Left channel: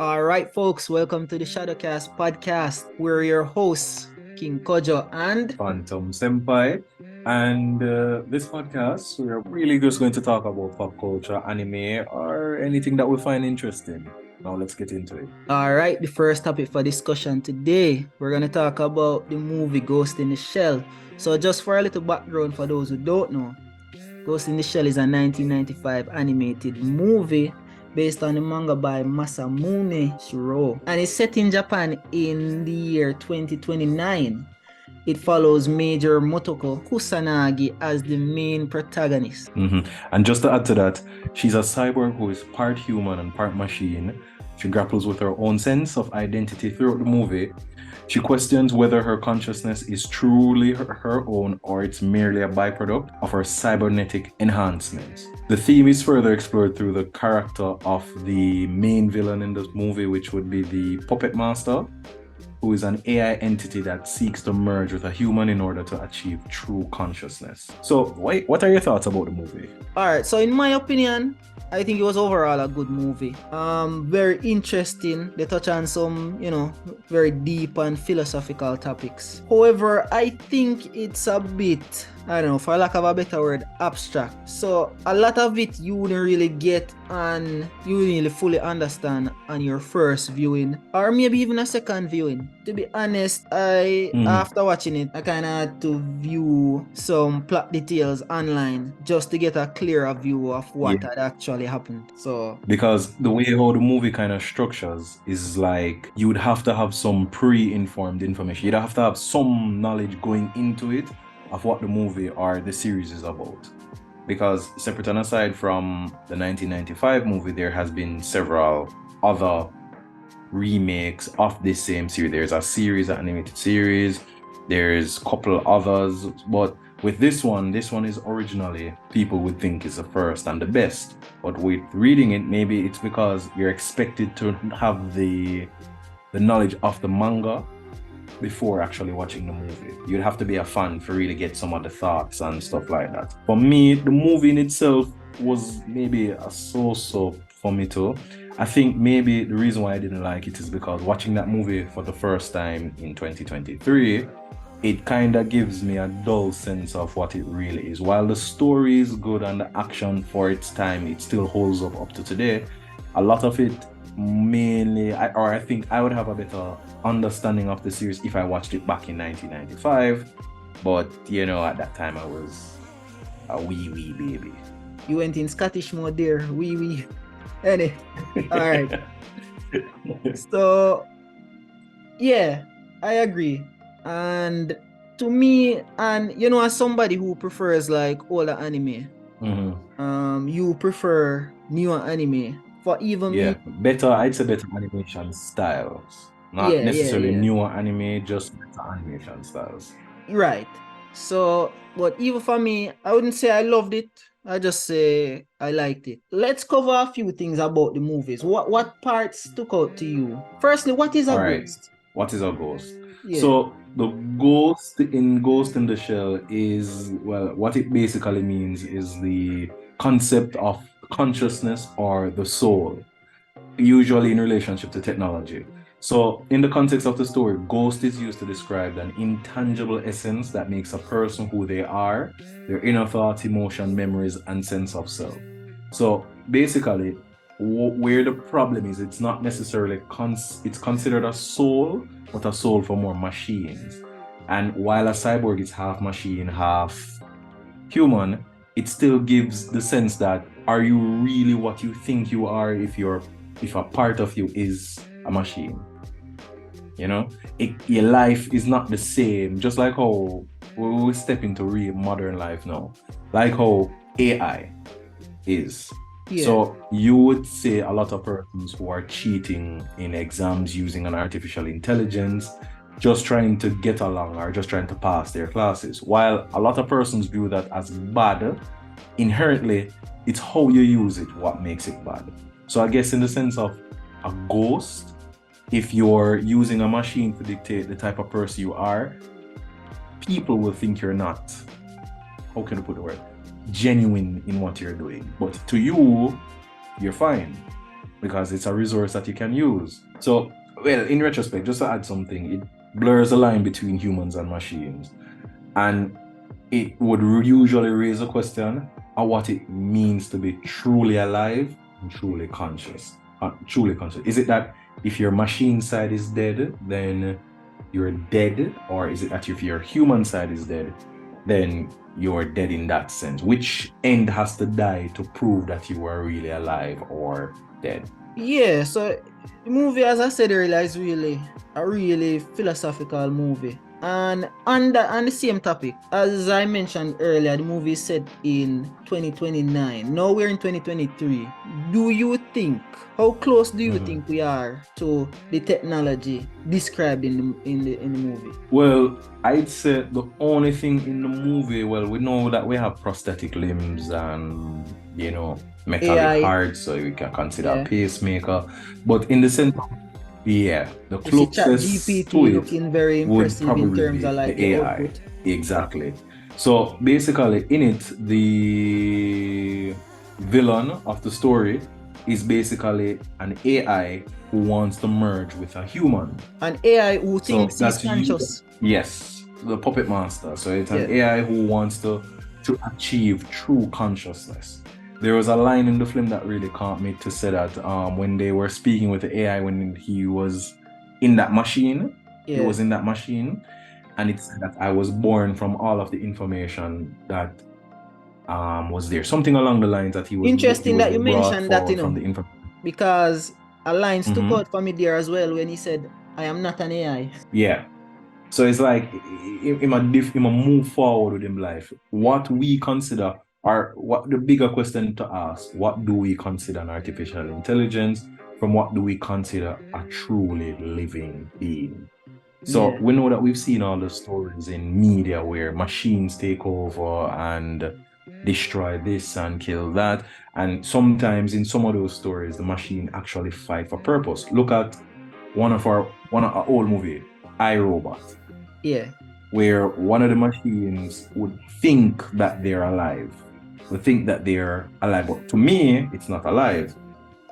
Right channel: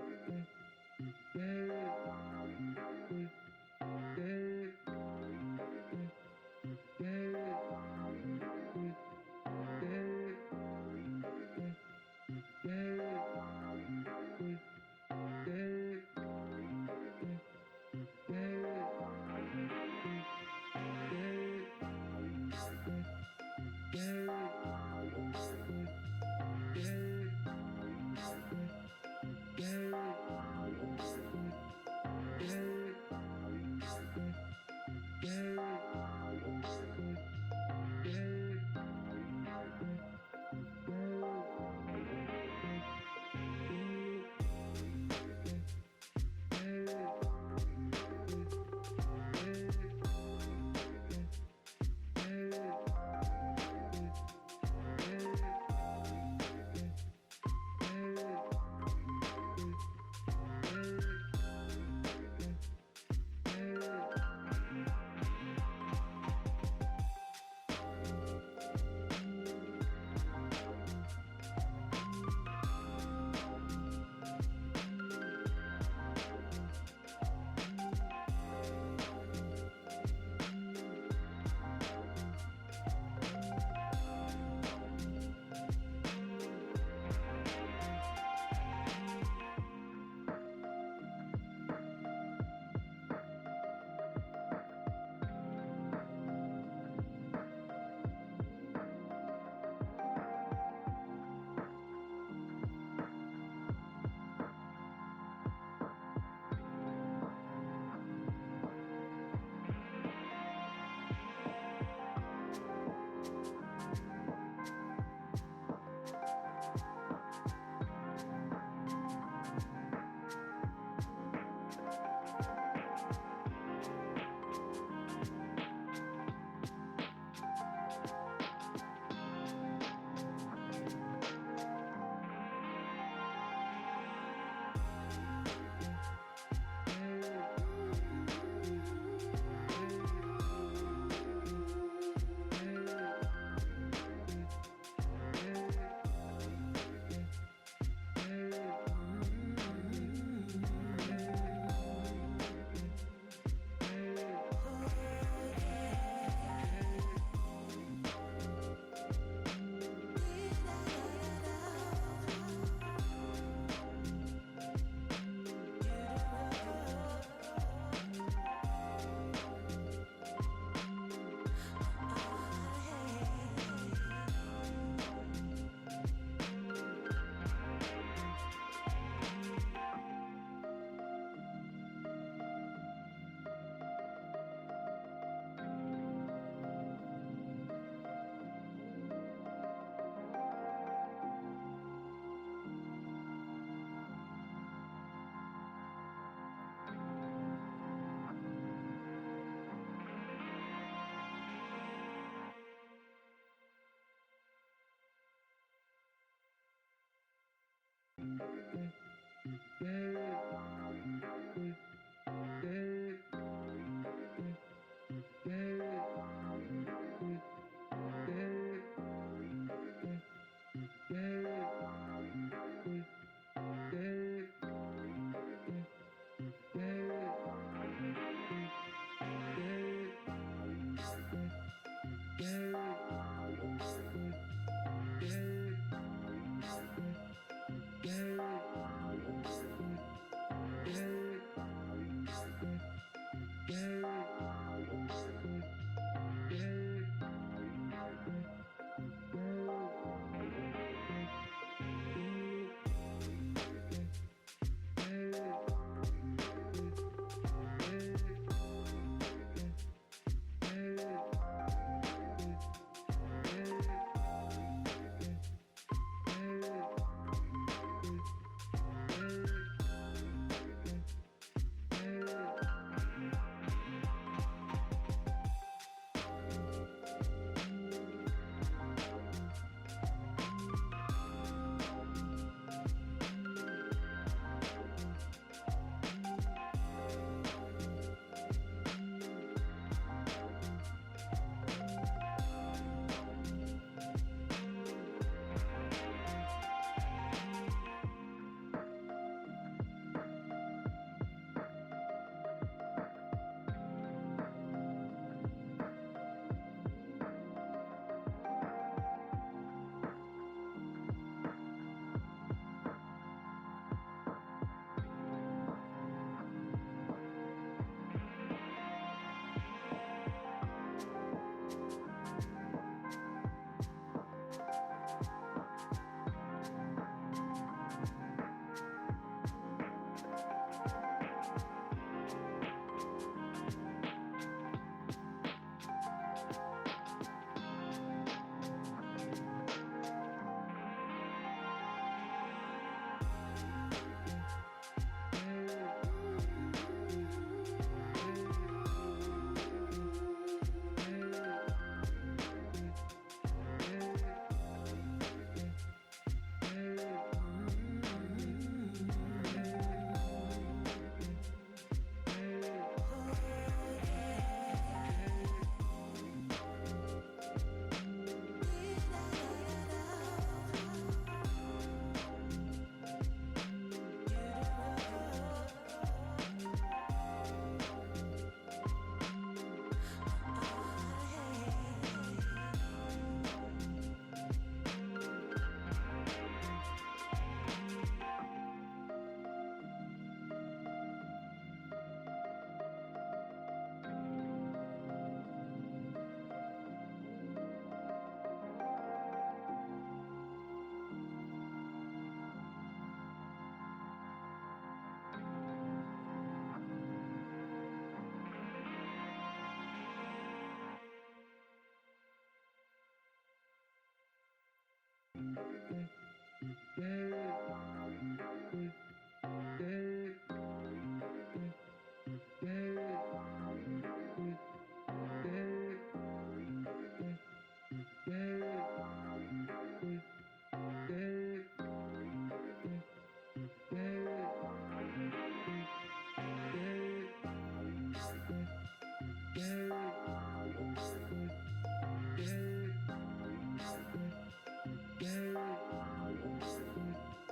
All right, folks, welcome to the Shadowcast podcast. We're your hosts, King Kojo and Phantom Senpai. And this podcast, we're really just going to talk about pop culture, anime, or anything that we find interesting. Now let's get into it. all right, the first topic for discussion today, we're going to talk about the movie Ghost in the Shell. So just for a little background for those who don't know, Ghost in the Shell is a 1995 animated movie based on the manga by Masamune Shirō, and it's set in Japan in the year 2029. It follows Major Motoko Kusanagi as the main protagonist. And just to add to that, she's a cyborg who is part human and part machine. She grapples with her own sense of identity throughout the movie. She questions whether her consciousness is truly her own or it's merely a byproduct of her cybernetic enhancements. The theme is further explored through the character of the main villain in this movie, which would be the Puppet Master, who is an AI entity that seeks to merge with a human in order to achieve true consciousness. So, what are your thoughts about the movie? All right, so in my opinion, I think it was overall a good movie. Very interesting. They touch on some, very deep and philosophical topics. However, I think it's a bit, I don't know, for lack of a better word, abstract. So a lot of it you wouldn't really get and you wouldn't really fully understand on your first viewing, or maybe even a second viewing. To be honest, after watching it, I kind of had to view some plot details online just to get a clearer view of what had actually happened. So because the way how the movie kind of structures is like you would have to have some pre-informed information. You'd have to have some knowledge going into it of what the movie or the series is about. Because separate and aside from the 1995 movie, there has been several other remakes of this same series. There's a series, an animated series. There's a couple others, but with this one is originally people would think is the first and the best. But with reading it, maybe it's because you're expected to have the knowledge of the manga before actually watching the movie. You'd have to be a fan to really get some of the thoughts and stuff like that. For me, the movie in itself was maybe a so-so for me too. I think maybe the reason why I didn't like it is because watching that movie for the first time in 2023, it kind of gives me a dull sense of what it really is. While the story is good and the action for its time, it still holds up to today. A lot of it mainly, I think I would have a better understanding of the series if I watched it back in 1995. But, at that time I was a wee baby. You went in Scottish mode there, wee. Anyway, all right. So, yeah, I agree. And to me, and as somebody who prefers like older anime, you prefer newer anime for even me. I'd say better animation styles. Not necessarily newer anime, just better animation styles. Right. So, but even for me, I wouldn't say I loved it. I just say I liked it. Let's cover a few things about the movies. What parts stuck out to you? Firstly, what is a ghost? What is a ghost? Yeah. So the Ghost in the Shell is, well, what it basically means is the concept of consciousness or the soul, usually in relationship to technology. So in the context of the story, ghost is used to describe an intangible essence that makes a person who they are, their inner thoughts, emotion, memories, and sense of self. So basically, where the problem is, it's not necessarily it's considered a soul, but a soul for more machines. And while a cyborg is half machine, half human, it still gives the sense that, are you really what you think you are if a part of you is a machine? Your life is not the same, just like how we step into real modern life now, like how AI is. Yeah. So you would say a lot of persons who are cheating in exams using an artificial intelligence, just trying to get along or just trying to pass their classes. While a lot of persons view that as bad, inherently, it's how you use it what makes it bad. So I guess in the sense of a ghost, if you're using a machine to dictate the type of person you are, people will think you're not, how can I put the word, genuine in what you're doing. But to you, you're fine. because it's a resource that you can use. So, well, in retrospect, just to add something, it blurs the line between humans and machines. And it would usually raise a question of what it means to be truly alive and truly conscious. Truly conscious. Is it that if your machine side is dead, then you're dead? Or is it that if your human side is dead, then you're dead in that sense? Which end has to die to prove that you are really alive or dead? Yeah, so the movie, as I said earlier, is really a really philosophical movie. And on the same topic, as I mentioned earlier, the movie is set in 2029. Now we're in 2023. Do you think, how close do you think we are to the technology described in the movie? Well, I'd say the only thing in the movie, well, we know that we have prosthetic limbs and, you know, metal AI. heart, so you can consider Yeah. a pacemaker. But in the sense of, yeah, the You see closest ChatGPT to it looking very would impressive in probably terms be of like the the AI. output. Exactly. So basically, in it, the villain of the story is basically an AI who wants to merge with a human. An AI who So thinks he's that's conscious. yes, the puppet master. So it's an Yeah. AI who wants to achieve true consciousness. There was a line in the film that really caught me to say that when they were speaking with the AI when he was in that machine, he Yeah. was in that machine, and it said that I was born from all of the information that was there. Something along the lines that he was Interesting that you brought mentioned that, forward you know, from the information. because a line stuck Mhm. out for me there as well when he said, "I am not an AI." Yeah. So it's like him a move forward with him life. What we consider, or what the bigger question to ask, what do we consider an artificial intelligence from what do we consider a truly living being? So Yeah. we know that we've seen all the stories in media where machines take over and destroy this and kill that. And sometimes in some of those stories, the machine actually fight for purpose. Look at one of our old movie, iRobot, Yeah. where one of the machines would think that they're alive. Would think that they're alive. But to me, it's not alive.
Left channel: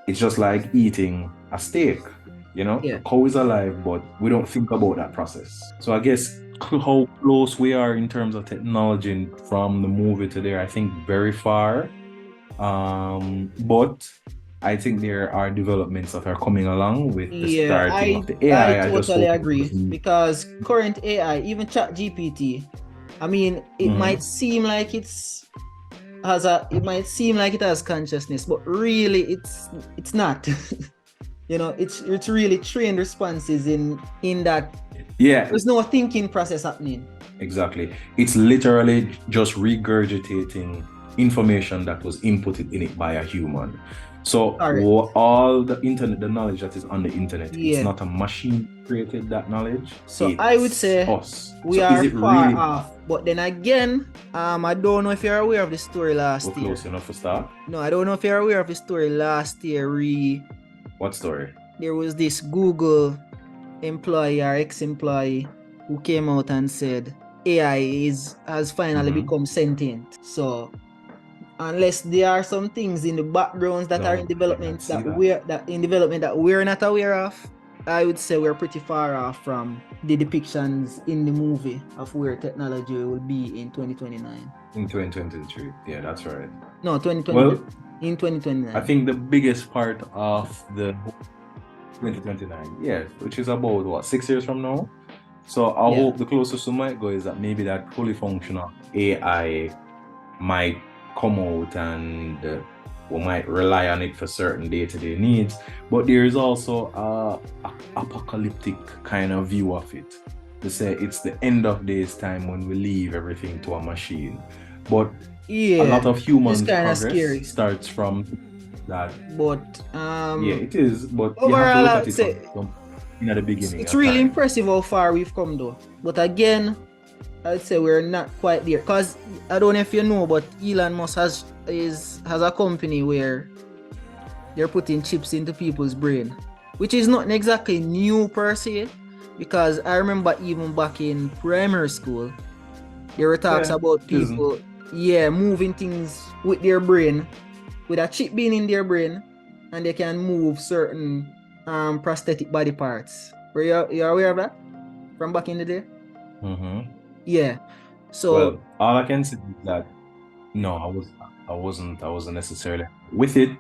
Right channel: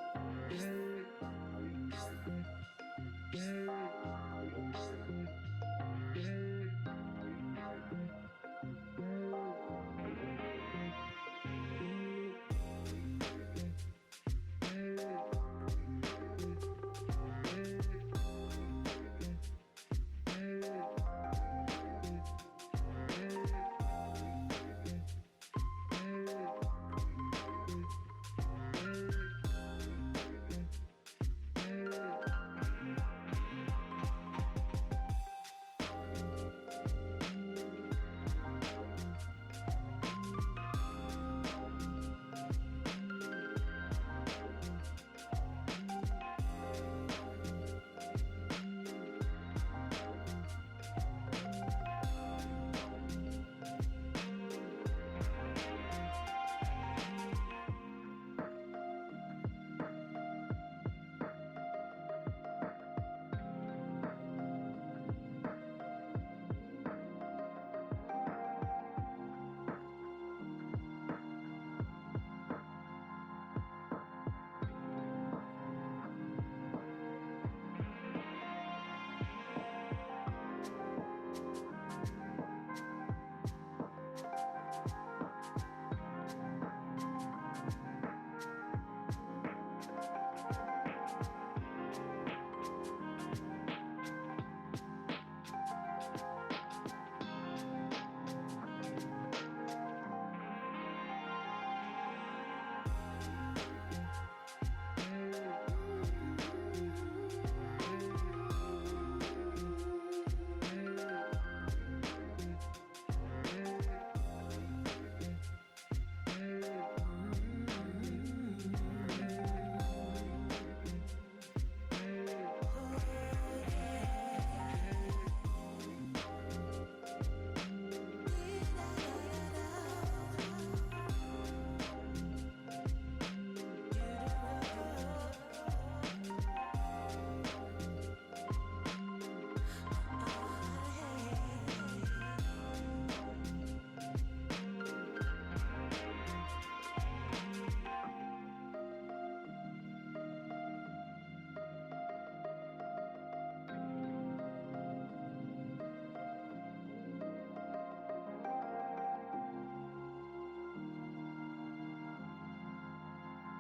It's just like eating a steak. You know, Yeah. the cow is alive, but we don't think about that process. So I guess how close we are in terms of technology from the movie to there, I think very far. But I think there are developments that are coming along with the Yeah, starting of the I AI. I just totally hope it agree doesn't. because current AI, even ChatGPT, I mean, it might seem like it might seem like it has consciousness, but really it's not. You know, it's really trained responses in that Yeah, there's no thinking process happening. exactly. It's literally just regurgitating information that was inputted in it by a human. So Correct. all the internet, the knowledge that is on the internet, Yeah. it's not a machine created that knowledge. So I would say us. we So are is it far really off. But then again, I don't know if you're aware of the story last we're year. close enough to start? No, I don't know if you're aware of the story last year. What story? There was this Google employee or ex-employee who came out and said AI has finally become sentient. So unless there are some things in the backgrounds that are in development that we're not aware of, I would say we're pretty far off from the depictions in the movie of where technology will be in 2029. In 2023. Yeah, that's right. No, 2020. Well, in 2029. I think the biggest part of the 2029, yeah, which is about what, 6 years from now. So I hope the closest we might go is that maybe that fully functional AI might come out and we might rely on it for certain day-to-day needs. But there is also a apocalyptic kind of view of it. To say it's the end of days time when we leave everything to a machine. But a lot of human progress starts from that. But yeah, it is. But overall, you have I'd to say look at it from at the beginning. It's really impressive how far we've come though. But again, I'd say we're not quite there. Cause I don't know if you know, but Elon Musk has a company where they're putting chips into people's brain, which is not exactly new per se. Because I remember even back in primary school, there were talks about people, moving things with their brain, with a chip being in their brain, and they can move certain prosthetic body parts. Were you aware of that from back in the day? Mm-hmm. Yeah. So Well, all I can say is that no, I wasn't necessarily with it.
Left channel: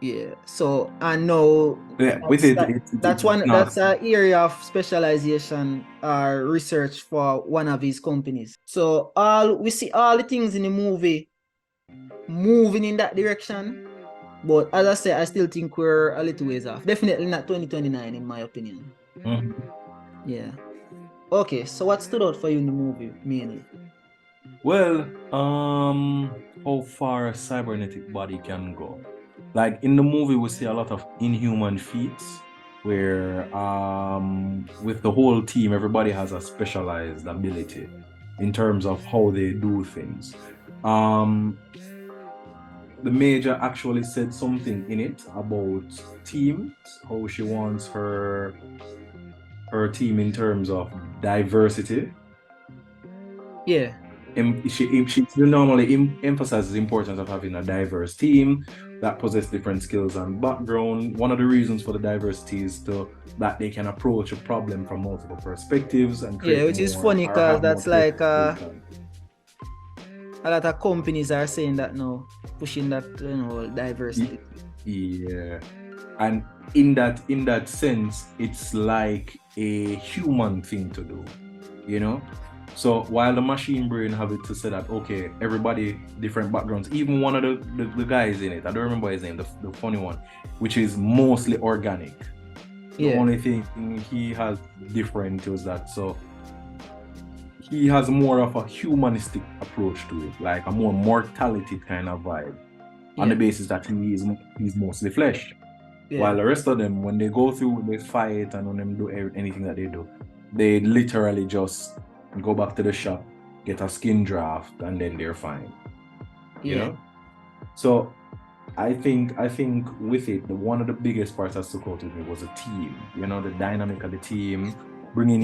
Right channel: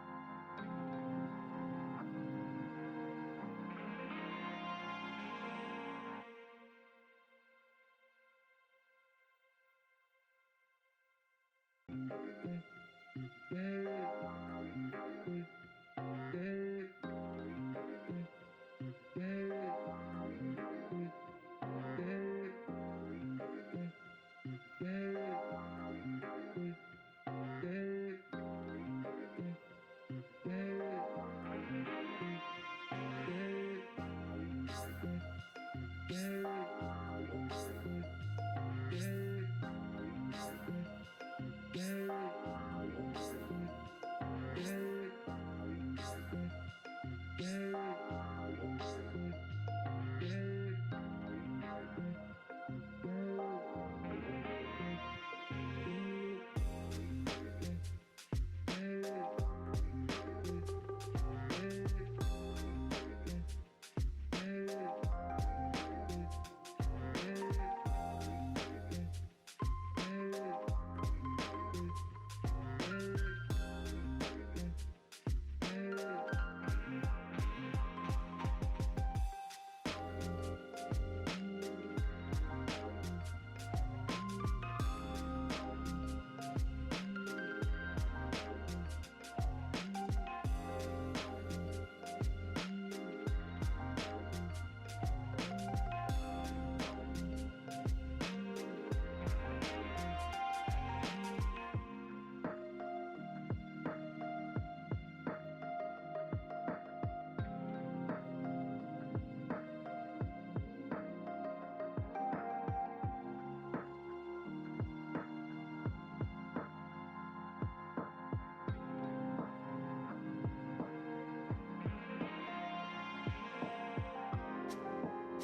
yeah. So I know Yeah, with it, that's it's one not. that's an area of specialization or research for one of his companies. So all we see all the things in the movie moving in that direction. But as I say, I still think we're a little ways off. Definitely not 2029 in my opinion. Mhm. Yeah. Okay, so what stood out for you in the movie mainly? Well, how far a cybernetic body can go. Like in the movie, we see a lot of inhuman feats where, with the whole team, everybody has a specialized ability in terms of how they do things. Um, the major actually said something in it about teams, how she wants her team in terms of diversity. Yeah. She normally emphasizes the importance of having a diverse team that possess different skills and background. One of the reasons for the diversity is that they can approach a problem from multiple perspectives and Yeah, create which is more funny or because have more that's like creativity. a lot of companies are saying that now, pushing that diversity. Yeah, and in that sense, it's like a human thing to do, you know. So while the machine brain have it to say that okay, everybody different backgrounds, even one of the guys in it, I don't remember his name, the funny one, which is mostly organic. The Yeah. only thing he has different is that so he has more of a humanistic approach to it, like a more mortality kind of vibe, on the Yeah. basis that he's mostly flesh. Yeah. While the rest of them, when they go through, they fight and when them do anything that they do, they literally just go back to the shop, get a skin draft, and then they're fine. You Yeah. know. So I think with it, one of the biggest parts that stuck out with me was a team. You know, the dynamic of the team, bringing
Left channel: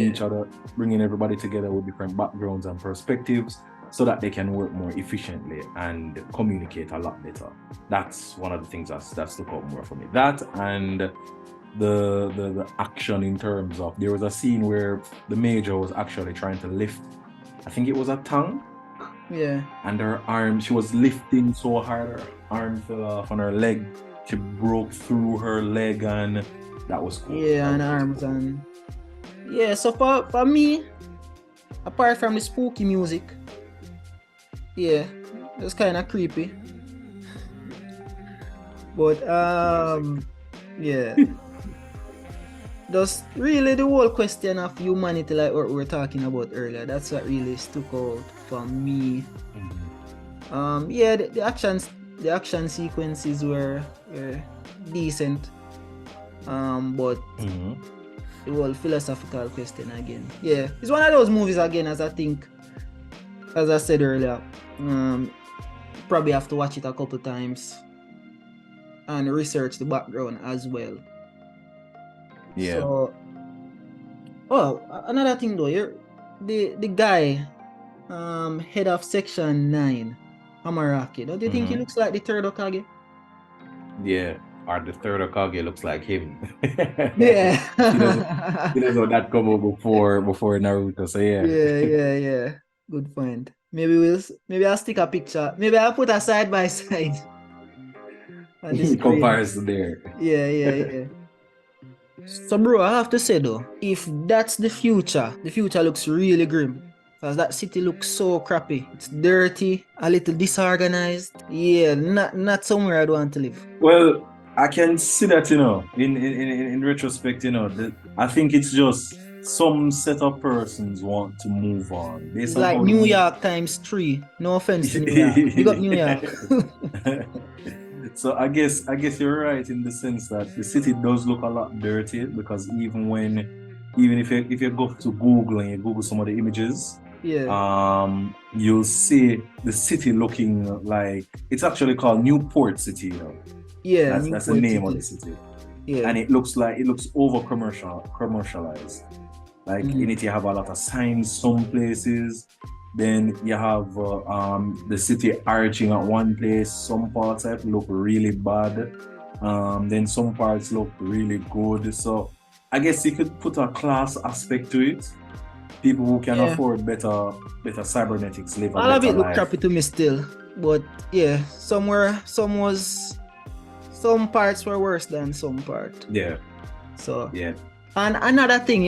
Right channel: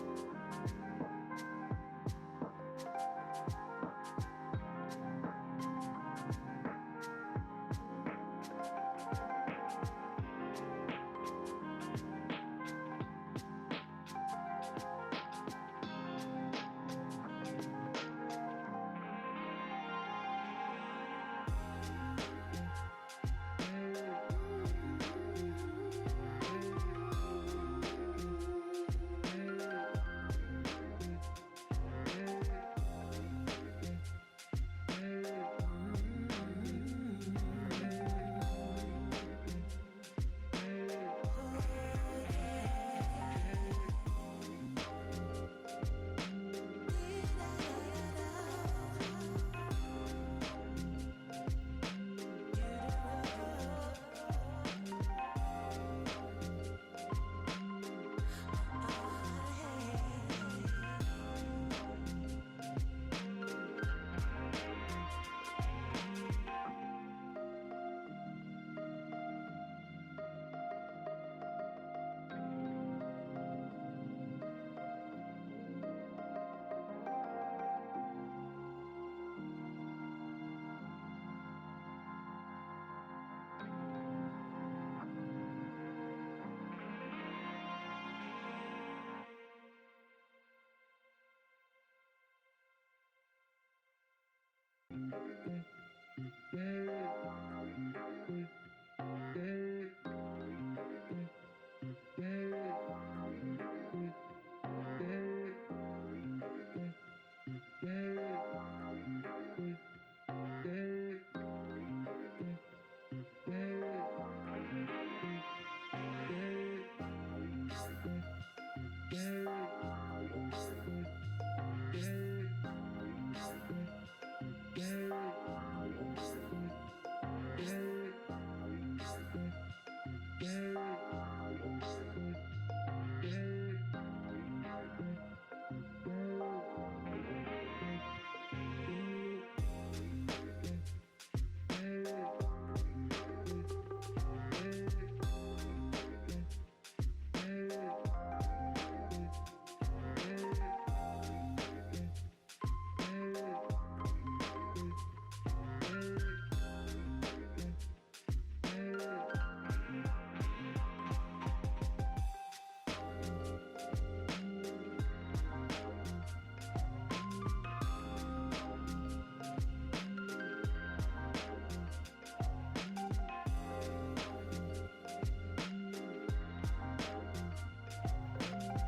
everybody together with different backgrounds and perspectives, so that they can work more efficiently and communicate a lot better. That's one of the things that stuck out more for me. That and the action in terms of there was a scene where the major was actually trying to lift. I think it was a tongue Yeah. and her arm, she was lifting so hard, her arm fell off on her leg. She broke through her leg, and that was cool. Yeah, and arms and yeah. So for me, apart from the spooky music, yeah, it's kind of creepy. But yeah, just really the whole question of humanity, like what we were talking about earlier. That's what really stuck out for me. Yeah, the action sequences were decent. But the whole philosophical question again. Yeah, it's one of those movies again, as I said earlier. Probably have to watch it a couple times and research the background as well. Yeah. So, another thing though, the guy, head of section 9, Amaraki. Don't you think he looks like the third Okage? Yeah. Or the third Okage looks like him. Yeah. he doesn't he doesn't that come up before Naruto. So yeah. Yeah. Good point. Maybe I'll stick a picture. Maybe I'll put a side by side on the screen. Comparison there. Yeah. So bro, I have to say though, if that's the future looks really grim. Because that city looks so crappy. It's dirty, a little disorganized. Yeah, not somewhere I'd want to live. Well, I can see that, in retrospect, I think it's just some set of persons want to move on It's based on like how the New movie. York times 3. No offense to New York. Big up New York. So I guess you're right in the sense that the city does look a lot dirty because even if you go to Google and you Google some of the images, Yeah. you'll see the city looking like it's actually called Newport City. Yeah, That's the Newport name of City. the city. Yeah. And it looks over commercialized. Like in it, you have a lot of signs some places. Then you have the city arching at one place. Some parts of it look really bad. Then some parts look really good. So I guess you could put a class aspect to it. People who can Yeah. afford better cybernetics live a All of better it look life. crappy to me still, but yeah, some parts were worse than some part. Yeah, So yeah. and another thing,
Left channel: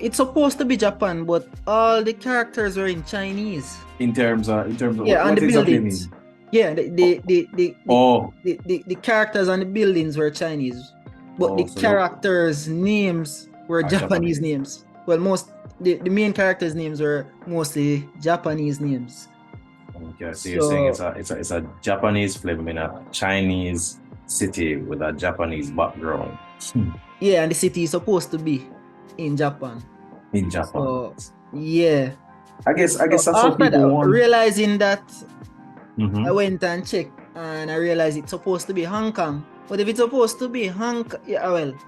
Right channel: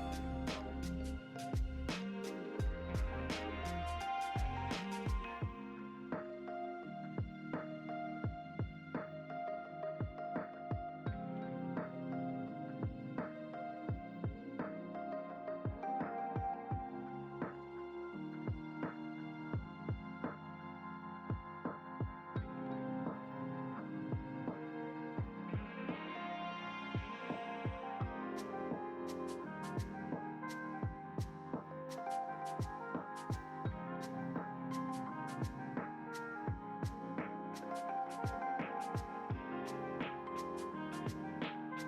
it's supposed to be Japan, but all the characters were in Chinese. In terms of Yeah, what and the exactly you buildings. mean? Yeah, Oh, the characters and the buildings were Chinese, but the so characters' names were are Japanese Japanese. names. Well, the main characters' names were mostly Japanese names. Okay, so you're saying it's a Japanese film in a Chinese city with a Japanese background. Yeah, and the city is supposed to be in Japan. In Japan. So yeah. I guess that's what After people that, want. realizing that, Mhm. I went and checked and I realized it's supposed to be Hong Kong. But if it's supposed to be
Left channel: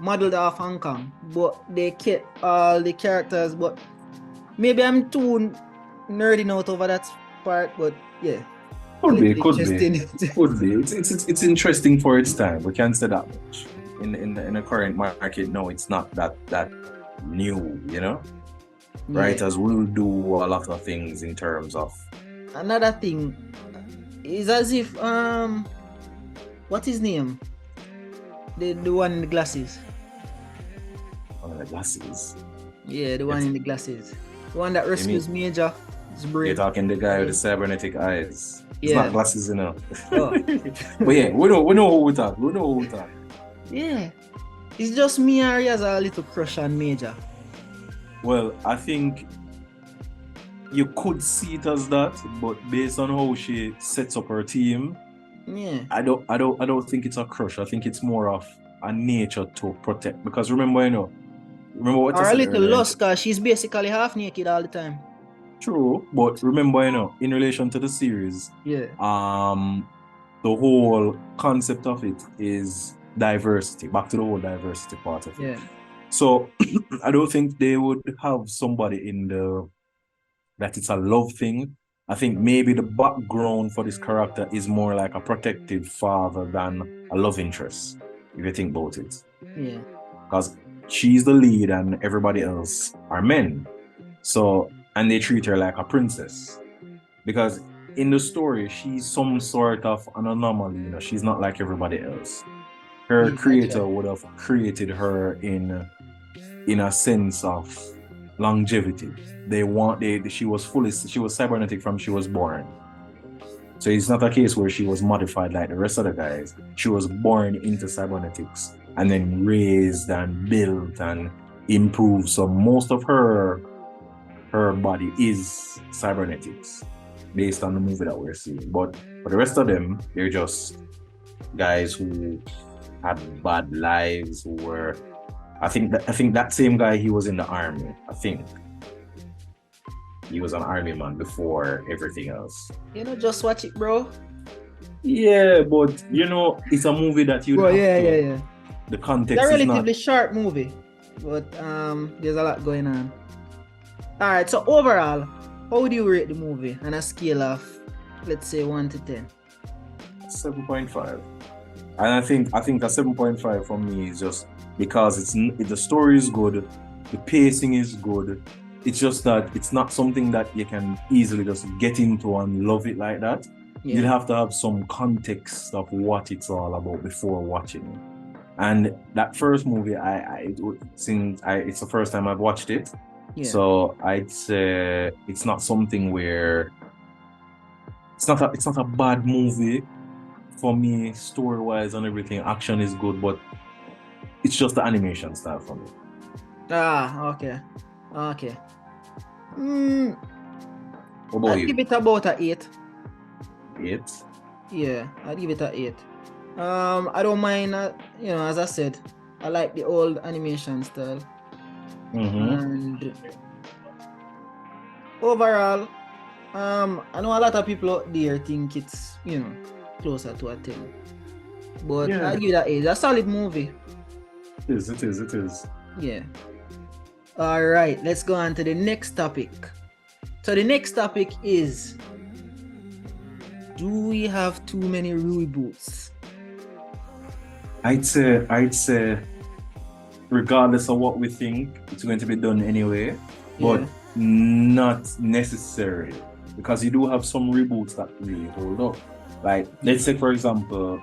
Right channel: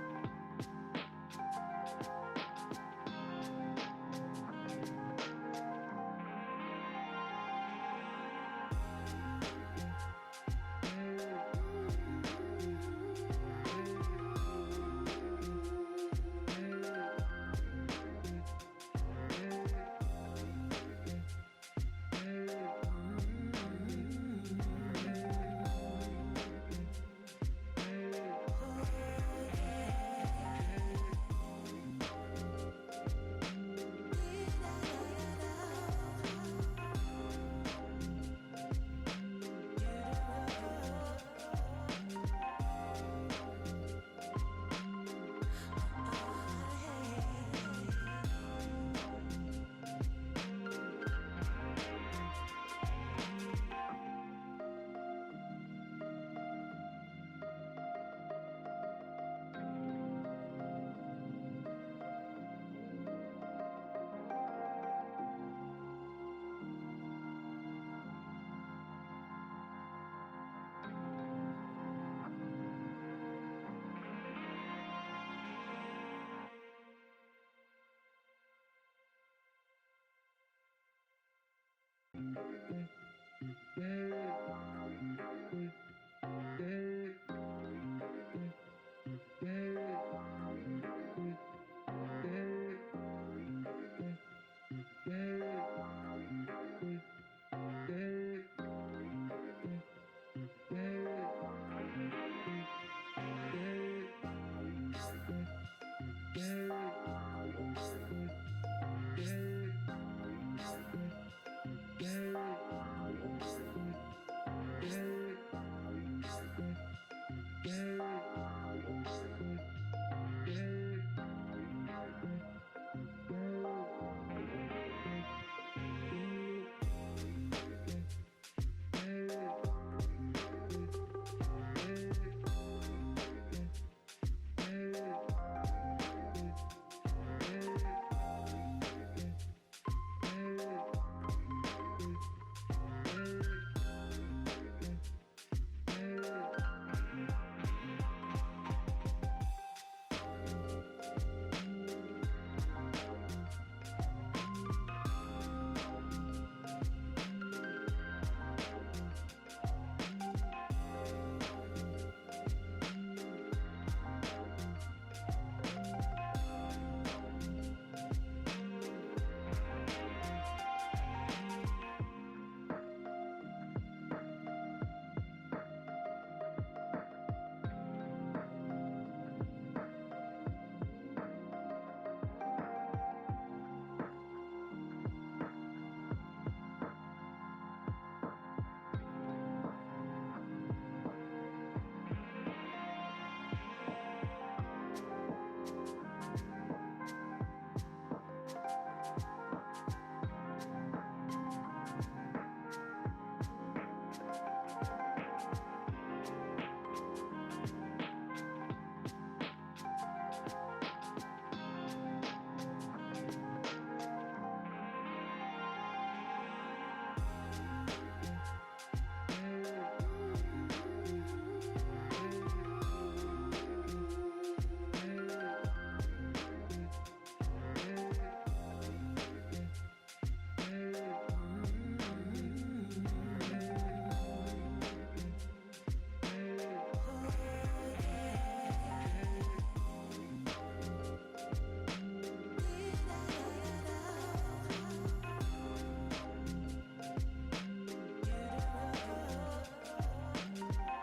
modeled off Hong Kong, but they kept all the characters, but maybe I'm too nerding out over that part, but yeah. Could be. Could be. It's interesting for its time. We can't say that much. In the current market, no, it's not that new, you know? Yeah. Writers will do a lot of things in terms of Another thing is as if what's his name? The one in the glasses. the glasses. Yeah, the one in the glasses. The one that rescues Major. You're talking the guy with the cybernetic eyes. It's Yeah. not glasses, you know. Oh. But yeah, we know who we talk. We know who we talk. Yeah. It's just me and he has a little crush on Major. Well, I think you could see it as that, but based on how she sets up her team, yeah, I don't think it's a crush. I think it's more of a nature to protect. Because remember what or I a said little earlier. lost because she's basically half naked all the time. True, but remember, in relation to the series, yeah, the whole concept of it is diversity. Back to the whole diversity part of it. Yeah. So I don't think they would have somebody that it's a love thing. I think maybe the background for this character is more like a protective father than a love interest, if you think about it. Yeah. Because she's the lead and everybody else are men. So, and they treat her like a princess. Because in the story, she's some sort of an anomaly, she's not like everybody else. Her creator would have created her in a sense of longevity. She was cybernetic from she was born. So it's not a case where she was modified like the rest of the guys. She was born into cybernetics and then raised and built and improved. So most of her body is cybernetics based on the movie that we're seeing. But for the rest of them, they're just guys who had bad lives, who were I think that same guy, he was in the army. I think he was an army man before everything else. Just watch it, bro. Yeah, but it's a movie that you. Yeah. The context it's a is relatively not short movie, but there's a lot going on. All right, so overall, how would you rate the movie on a scale of, let's say, 1 to 10? 7.5. And I think a 7.5 for me is just because the story is good, the pacing is good. It's just that it's not something that you can easily just get into and love it like that. Yeah. You'd have to have some context of what it's all about before watching. And that first movie, it's the first time I've watched it. Yeah. So I'd say it's not something where it's not a bad movie. For me, story-wise and everything, action is good, but it's just the animation style for me. Okay. What about you? I'd give it about an 8. 8? Yeah, I'd give it an 8. I don't mind, as I said, I like the old animation style. And overall, I know a lot of people out there think it's, closer to a 10. But yeah. I'll give that 8. It's a solid movie. It is. Yeah. Alright, let's go on to the next topic. So the next topic is, do we have too many reboots? I'd say regardless of what we think, it's going to be done anyway, but Yeah. not necessary because you do have some reboots that really hold up. Like let's say for example,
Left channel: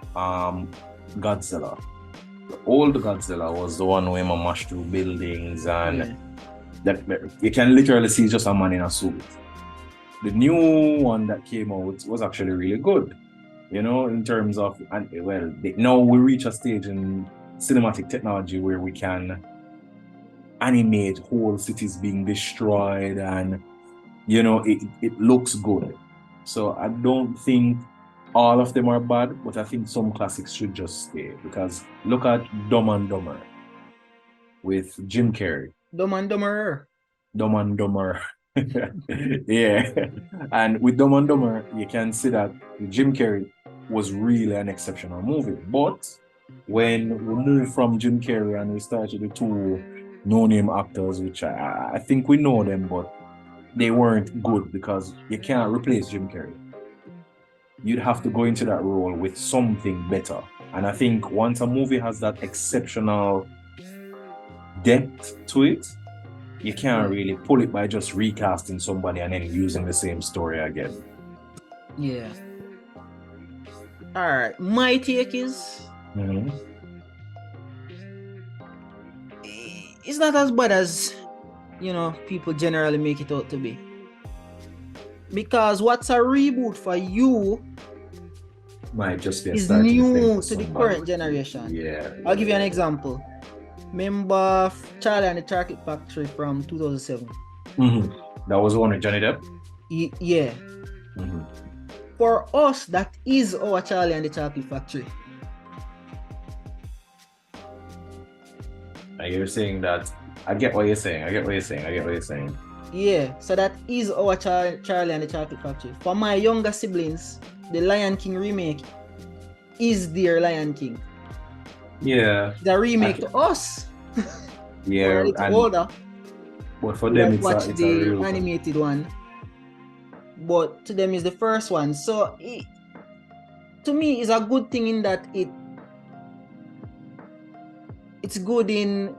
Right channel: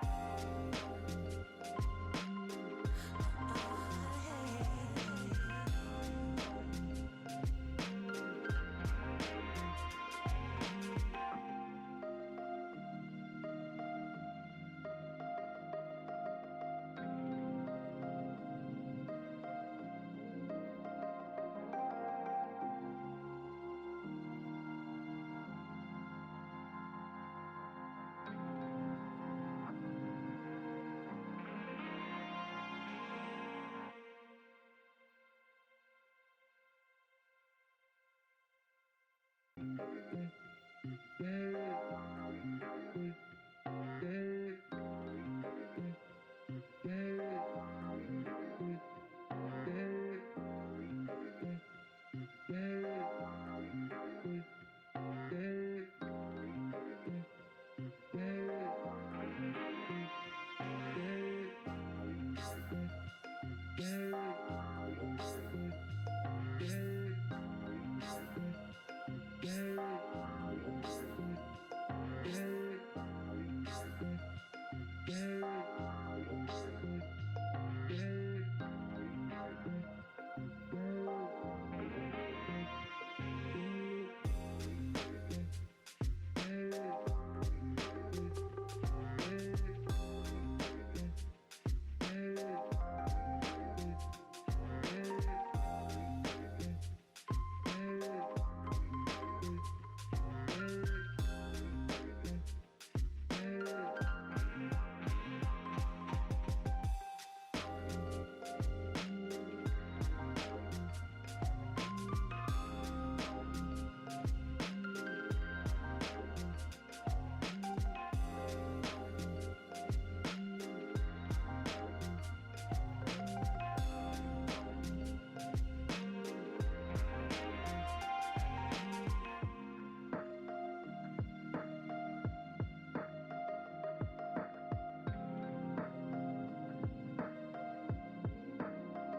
Godzilla. The old Godzilla was the one where man mashed through buildings and Yeah. that you can literally see just a man in a suit. The new one that came out was actually really good, you know, in terms of, and well, now we reach a stage in cinematic technology where we can animate whole cities being destroyed and, you know, it looks good. So I don't think all of them are bad, but I think some classics should just stay because look at Dumb and Dumber with Jim Carrey. Dumb and Dumberer. Dumb and Dumber. Yeah. And with Dumb and Dumber, you can see that Jim Carrey was really an exceptional movie. But when we moved from Jim Carrey and we started the two no-name actors, which I think we know them, but they weren't good because you can't replace Jim Carrey. You'd have to go into that role with something better. And I think once a movie has that exceptional depth to it, you can't really pull it by just recasting somebody and then using the same story again. Yeah. Alright. My take is it's not as bad as, you know, people generally make it out to be. Because what's a reboot for you Might just be a is starting thing new for to the somebody. current generation. Yeah. I'll give you an example. Remember Charlie and the Chocolate Factory from 2007? That was one with Johnny Depp. Yeah. For us, that is our Charlie and the Chocolate Factory. And you're saying that I get what you're saying. Yeah, so that is our Charlie and the Chocolate Factory. For my younger siblings, the Lion King remake is their Lion King. Yeah. The remake to us. Yeah. It's and, older. but for them, Watch it's the a real animated one. But to them is the first one. So to me, it's a good thing in that it's good in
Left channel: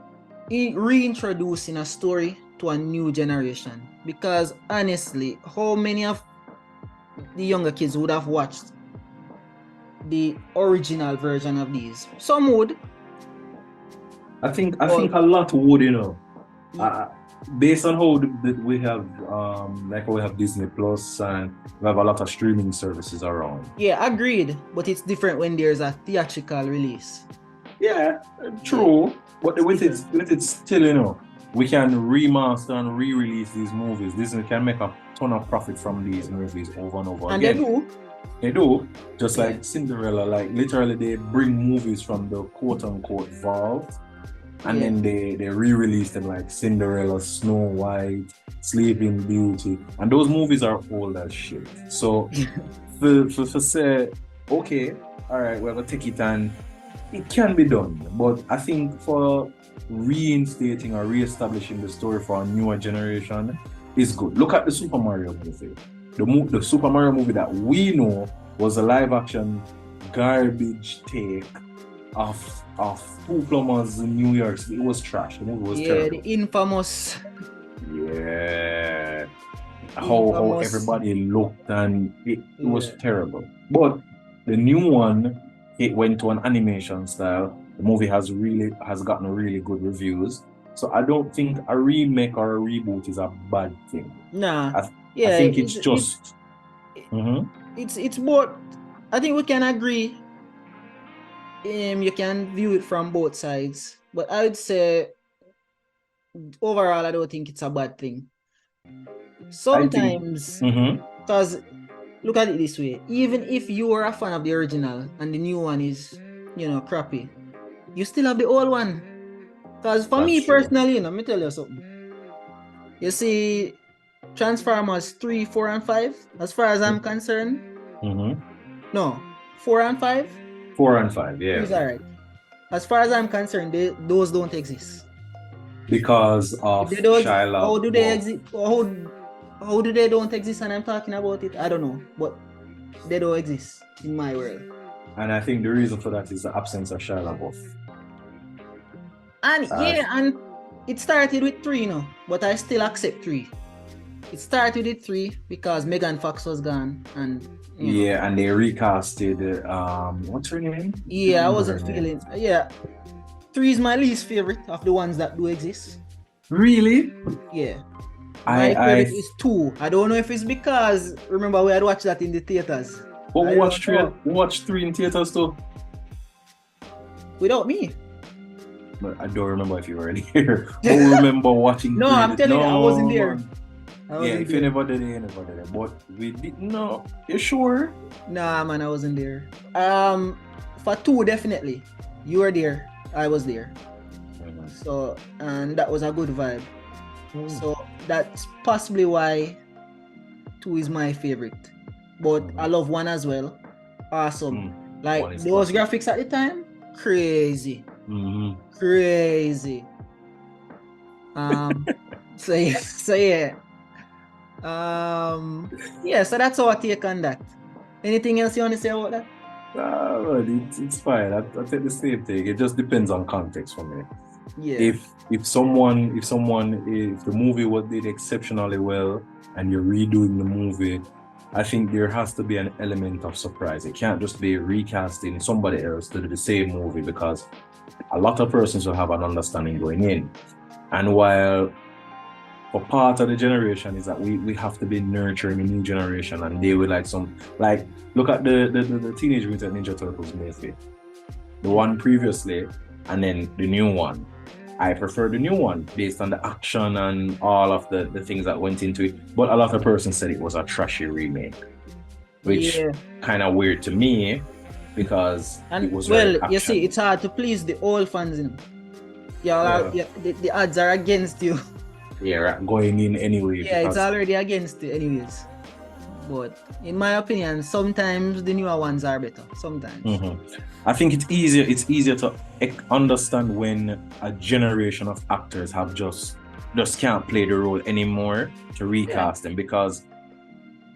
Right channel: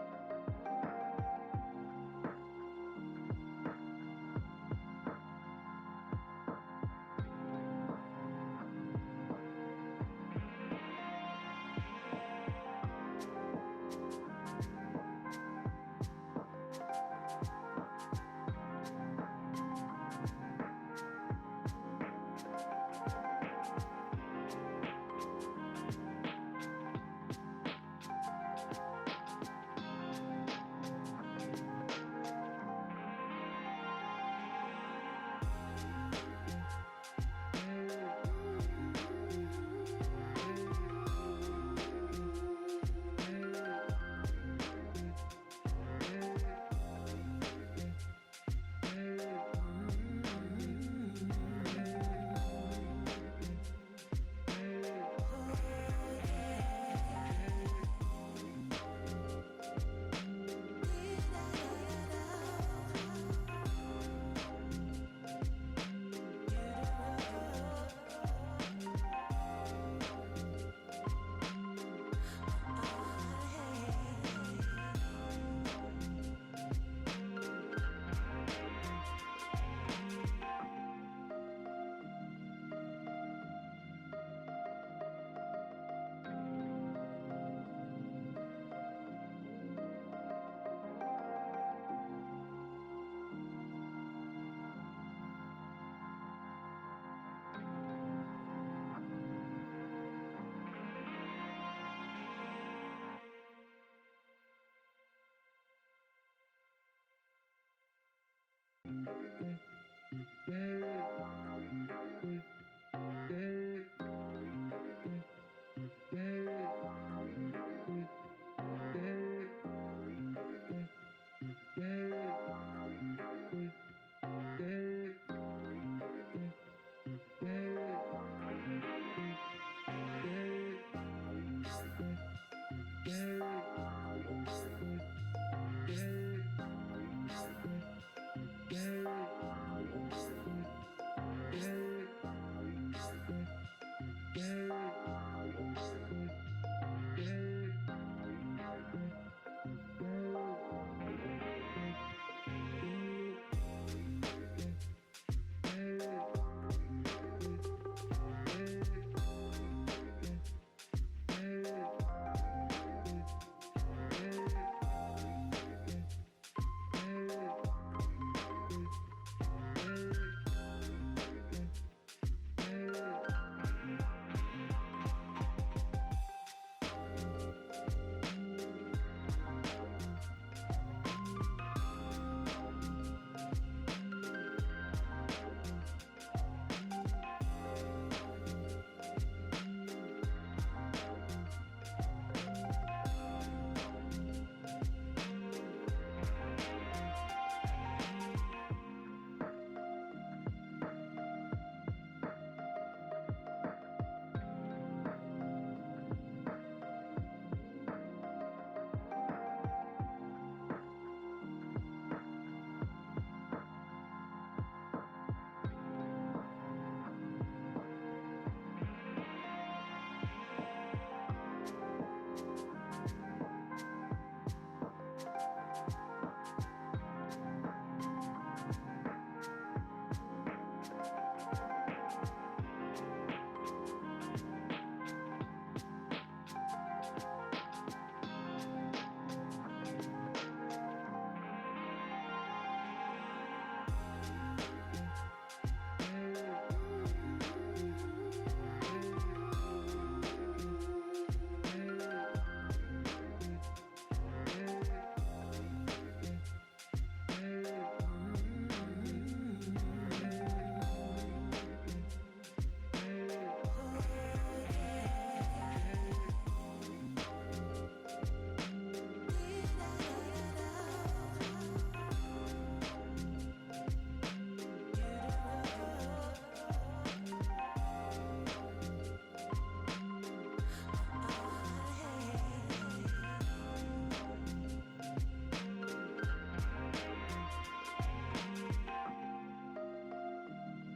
reintroducing a story to a new generation. Because honestly, how many of the younger kids would have watched the original version of these? Some would. I think a lot would, you know. Based on how we have like we have Disney Plus and we have a lot of streaming services around. Yeah, agreed. But it's different when there's a theatrical release. Yeah, true. But with it still, you know, we can remaster and re-release these movies. Disney can make a ton of profit from these movies over and over And again. They do. Just like Cinderella, like literally they bring movies from the quote-unquote vault and then they re-release them like Cinderella, Snow White, Sleeping Beauty. And those movies are old as shit. So for say, okay, all right, we're gonna take it and it can be done. But I think for reinstating or re-establishing the story for a newer generation is good. Look at the Super Mario movie. The Super Mario movie that we know was a live-action garbage take of Plumbers in New York. It was trash. The movie was terrible. The infamous. Yeah. How everybody looked and it was terrible. But the new one, it went to an animation style. The movie has gotten really good reviews. So I don't think a remake or a reboot is a bad thing. Nah. I think it's just. It's both. I think we can agree. You can view it from both sides, but I would say overall, I don't think it's a bad thing. Sometimes, because look at it this way: even if you are a fan of the original and the new one is, you know, crappy, you still have the old one. Because for me personally, let me tell you something. You see, Transformers 3, 4, and 5, as far as I'm concerned, no, 4 and 5. 4 and 5, yeah. It's alright. As far as I'm concerned, those don't exist. Because of Shia LaBeouf. How do they exist? How do they don't exist? And I'm talking about it. I don't know, but they don't exist in my world. And I think the reason for that is the absence of Shia LaBeouf. And and it started with 3, but I still accept 3. It started with 3 because Megan Fox was gone, and and they recasted what's her name? I wasn't feeling. 3 is my least favorite of the ones that do exist. Really? Yeah. My favorite is 2. I don't know if it's because remember we had watched that in the theaters. But we watched 3 in theaters too. Without me. But I don't remember if you were there. But we remember watching. No, I'm telling you, I wasn't there. If you never did it, you never did it. But we didn't know. You sure? Nah, man, I wasn't there. For 2, definitely. You were there. I was there. So, and that was a good vibe. So that's possibly why 2 is my favorite. But I love 1 as well. Awesome. Like those graphics at the time, crazy. Crazy. So yeah. So that's our take on that. Anything else you want to say about that? It's fine. I take the same thing. It just depends on context for me. Yeah. If the movie did exceptionally well and you're redoing the movie, I think there has to be an element of surprise. It can't just be recasting somebody else to do the same movie, because a lot of persons will have an understanding going in. And while for part of the generation is that we have to be nurturing a new generation, and they will look at the Teenage Mutant Ninja Turtles movie, the one previously, and then the new one. I prefer the new one based on the action and all of the things that went into it. But a lot of persons said it was a trashy remake, which kind of weird to me, because it was you see, it's hard to please the old fans. The odds are against you. Yeah, going in anyway. Yeah, it's already against you anyways. But in my opinion, sometimes the newer ones are better. Sometimes. I think it's easier to understand when a generation of actors have just can't play the role anymore to recast them, because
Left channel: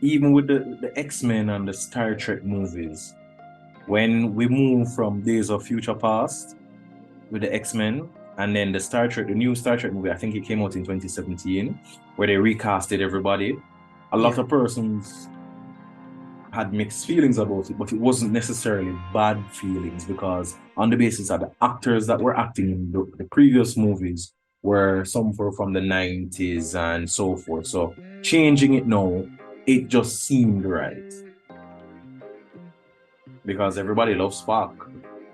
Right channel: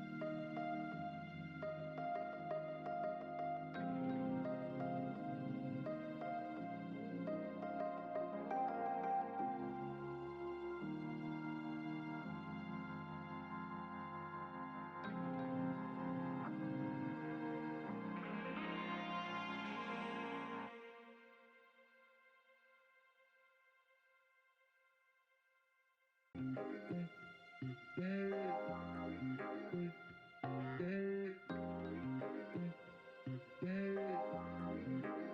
even with the X-Men and the Star Trek movies, when we move from Days of Future Past with the X-Men, and then the new Star Trek movie, I think it came out in 2017, where they recasted everybody. A lot of persons had mixed feelings about it, but it wasn't necessarily bad feelings, because on the basis of the actors that were acting in the previous movies were some from the 90s and so forth. So changing it now, it just seemed right. Because everybody loves Spock.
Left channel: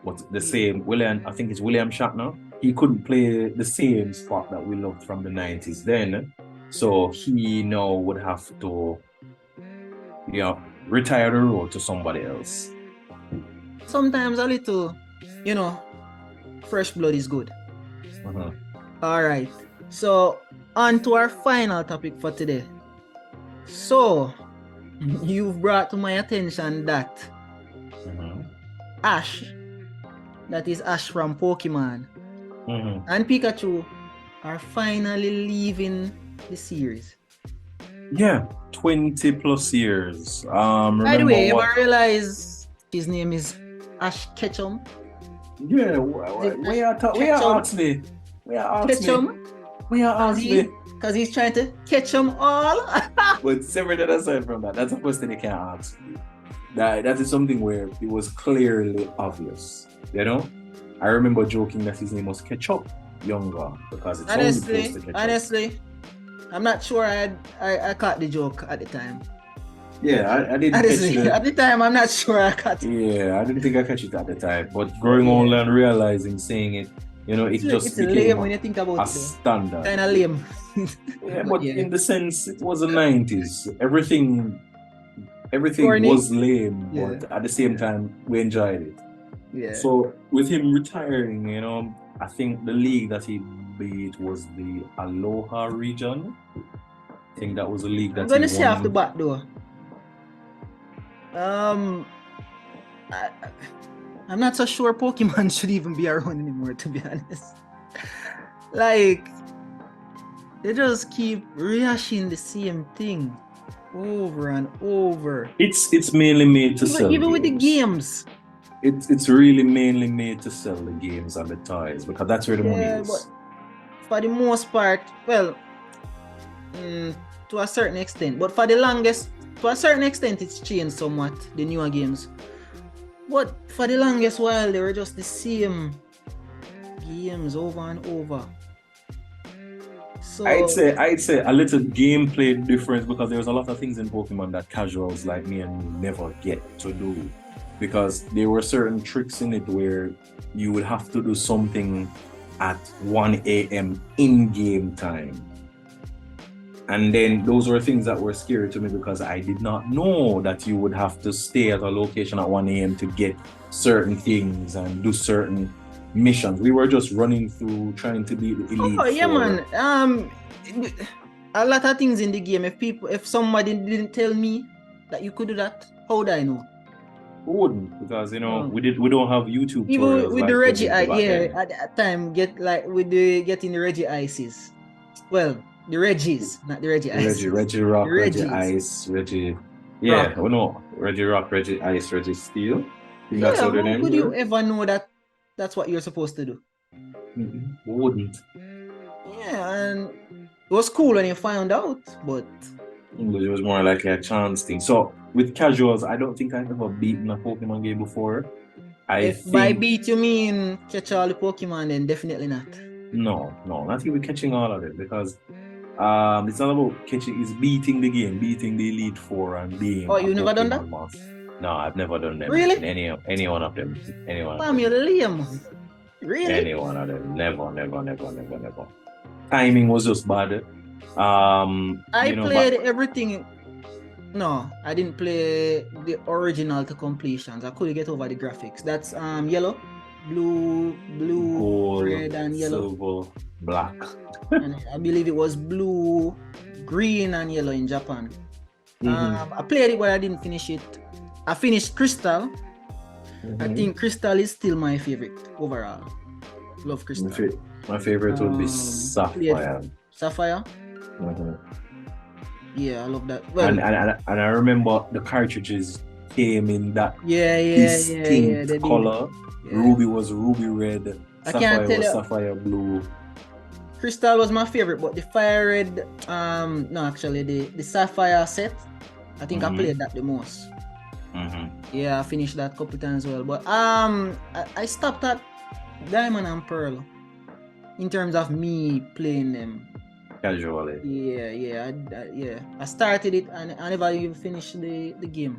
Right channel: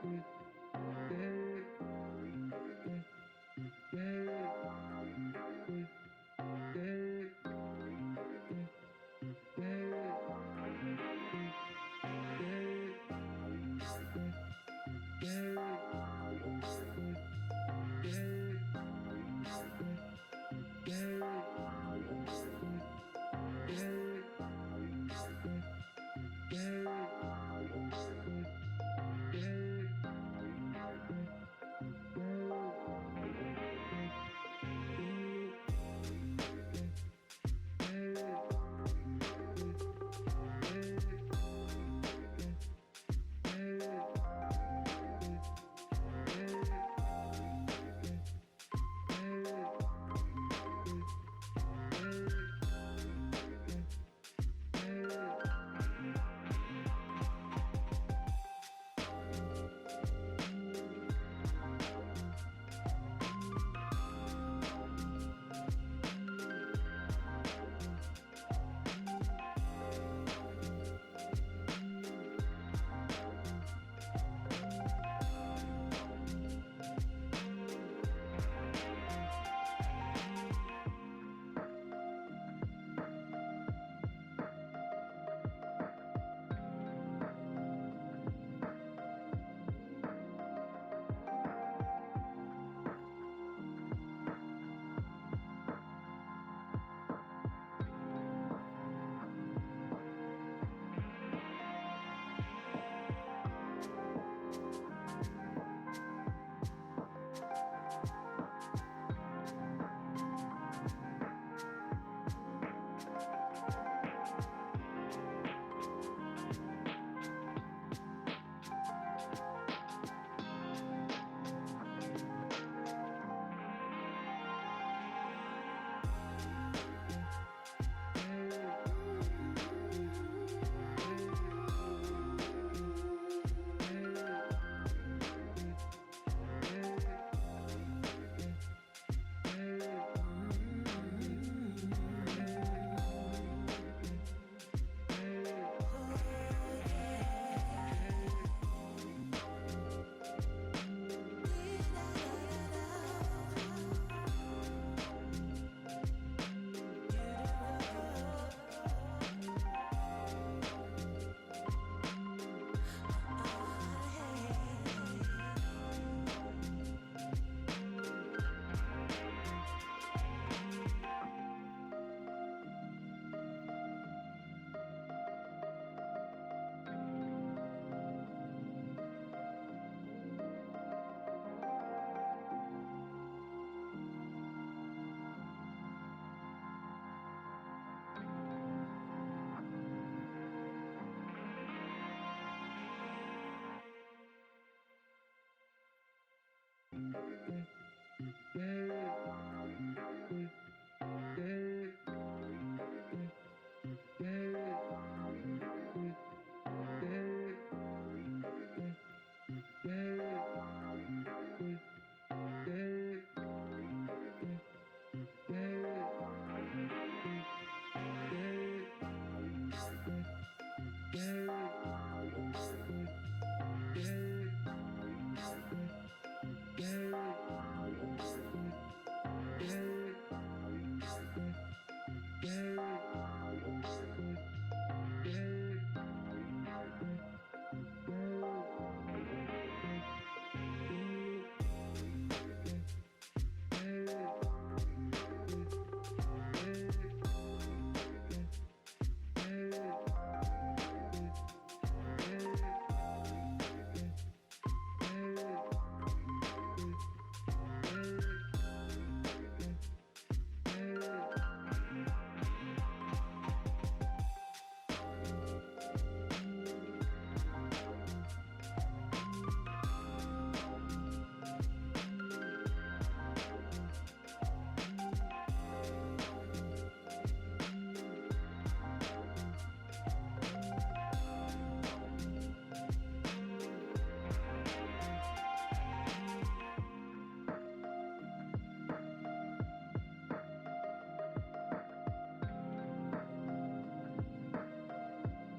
But the same, I think it's William Shatner, he couldn't play the same Spock that we loved from the 90s then. So he now would have to, retire the role to somebody else. Sometimes a little, fresh blood is good. All right. So on to our final topic for today. So you've brought to my attention that Ash, that is Ash from Pokémon, and Pikachu are finally leaving the series. Yeah, 20 plus years. By the way, I realize his name is Ash Ketchum. Yeah, we are Oxley. Ketchum? Because he's trying to catch them all. But separate aside from that, that's a question you can't ask. That is something where it was clearly obvious. I remember joking that his name was Ketchup younger, because it's honestly, I'm not sure I caught the joke at the time. Yeah, I didn't honestly, catch it. At the time, I'm not sure I caught it. Yeah, I didn't think I catch it at the time. But growing older and realizing, saying it, it's lame when you think about it. Standard. Kind of lame. Yeah, but in the sense, it was the 90s. Everything was lame, but at the same time, we enjoyed it. Yeah. So with him retiring, I think the league that he beat was the Aloha region. I think that was the league that I'm gonna say off the bat though. I'm not so sure Pokemon should even be around anymore, to be honest. Like, they just keep rehashing the same thing over and over. It's mainly made to sell. Even with the games. it's really mainly made to sell the games and the toys because that's where the money Yeah, is. but for the most part, well, to a certain extent, but for the longest, to a certain extent, it's changed somewhat, the newer games. But for the longest while, they were just the same games over and over. So I'd say a little gameplay difference because there's a lot of things in Pokemon that casuals like me and never get to do. Because there were certain tricks in it where you would have to do something at 1 a.m. in-game time. And then those were things that were scary to me because I did not know that you would have to stay at a location at 1 a.m. to get certain things and do certain missions. We were just running through trying to beat the elite. oh yeah, man. A lot of things in the game. If somebody didn't tell me that you could do that, how would I know? We wouldn't because we don't have YouTube Even tutorials with like the we Reggie did Ice, back then. at that time, getting the Reggie Ices. Well, the Reggies, not the Reggie Ices. Reggie Rock, The Reggie Reggies. Ice, Reggie. Yeah, Rock. we know Reggie Rock, Reggie Ice, Reggie Steel. I think Yeah, that's how their how names could you were. ever know that that's what you're supposed to do? We wouldn't. Yeah, and it was cool when you found out, but It was more like a chance thing. So with casuals, I don't think I've ever beaten a Pokemon game before. if by beat you mean catch all the Pokemon, then definitely not. No, not even catching all of them because it's not about catching, it's beating the game, beating the Elite Four and being Oh, a you never done that? Pokemon master. No, I've never done them. Really? Any one of them. Any one of Damn, you're them. lame. Really? Any one of them. Never. Timing was just bad. I played everything. No, I didn't play the original to completions. I couldn't get over the graphics. That's yellow, blue, gold, red, and yellow. silver, black. And I believe it was blue, green, and yellow in Japan. I played it, but I didn't finish it. I finished Crystal. I think Crystal is still my favorite overall. Love Crystal. My favorite would be Sapphire. Sapphire? Yeah, I love that. Well, and I remember the cartridges came in that distinct color. Yeah. Ruby was ruby red. Sapphire was sapphire blue. Crystal was my favorite, but the fire red, no, actually the sapphire set, I think I played that the most. Yeah, I finished that a couple times as well. But I stopped at Diamond and Pearl in terms of me playing them casually. Yeah. I started it and I never even finished the game.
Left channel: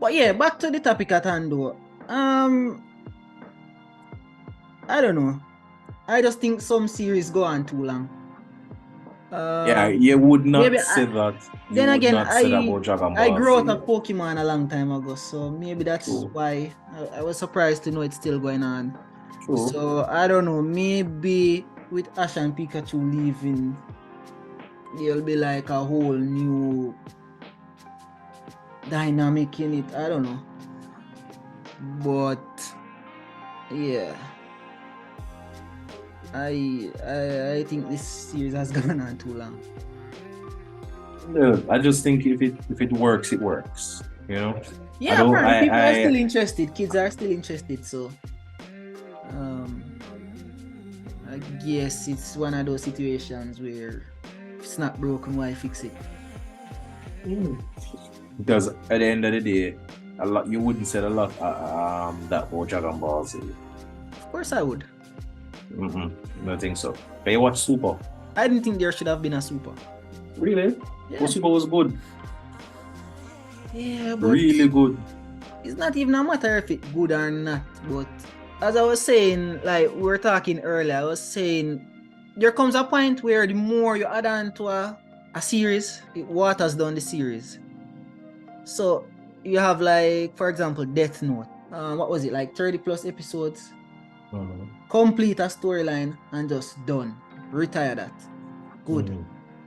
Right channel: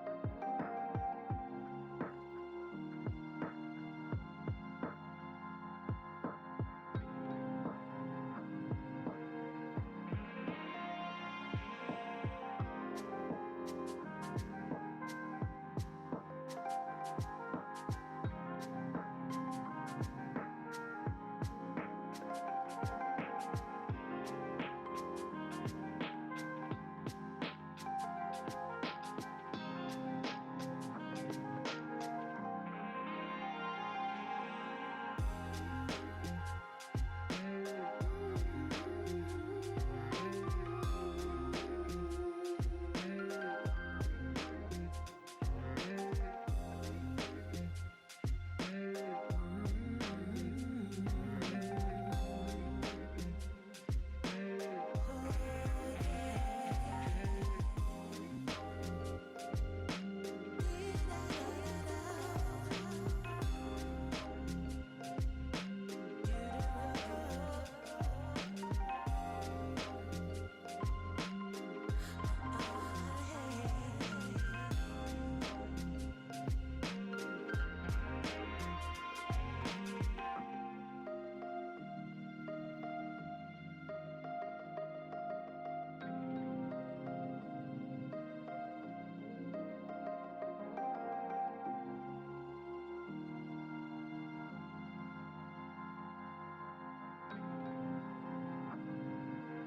But yeah, back to the topic at hand though. I don't know. I just think some series go on too long. Yeah, you would not say that. Then again, I grew out of Pokemon a long time ago, so maybe that's why I was surprised to know it's still going on. True. So I don't know, maybe with Ash and Pikachu leaving, there'll be like a whole new dynamic in it. I don't know, but yeah, I think this series has gone on too long. Yeah, I just think if it works, it works. You know. Yeah, people are still interested. Kids are still interested. So, I guess it's one of those situations where it's not broken, why fix it? Because at the end of the day, a lot you wouldn't say a lot that about Dragon Ball Z. Of course, I would. I think so. But you watch Super? I didn't think there should have been a Super. Really? Yeah. Well, Super was good. Yeah, but really good. It's not even a matter if it's good or not. But as I was saying, like we were talking earlier, I was saying there comes a point where the more you add on to a series, it waters down the series. So you have like, for example, Death Note. What was it, like 30 plus episodes? Complete a storyline and just done. Retire that. Good.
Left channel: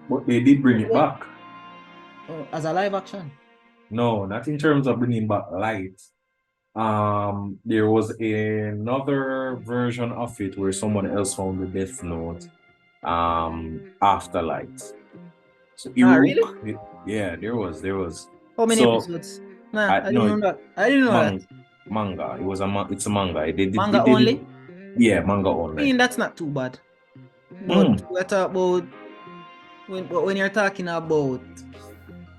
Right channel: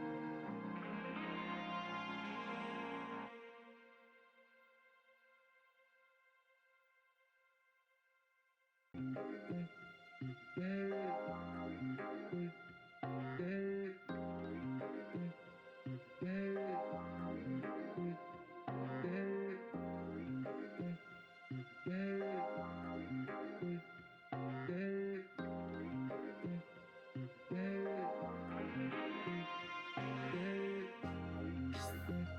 But they did bring it back. As a live action? No, not in terms of bringing back light. There was another version of it where someone else found the Death Note after light. So really? Yeah, there was. How many episodes? Nah, I didn't know that. Manga. It's a manga. Manga only? Yeah, manga I only. mean, that's not too bad. But we're talking about when you're talking about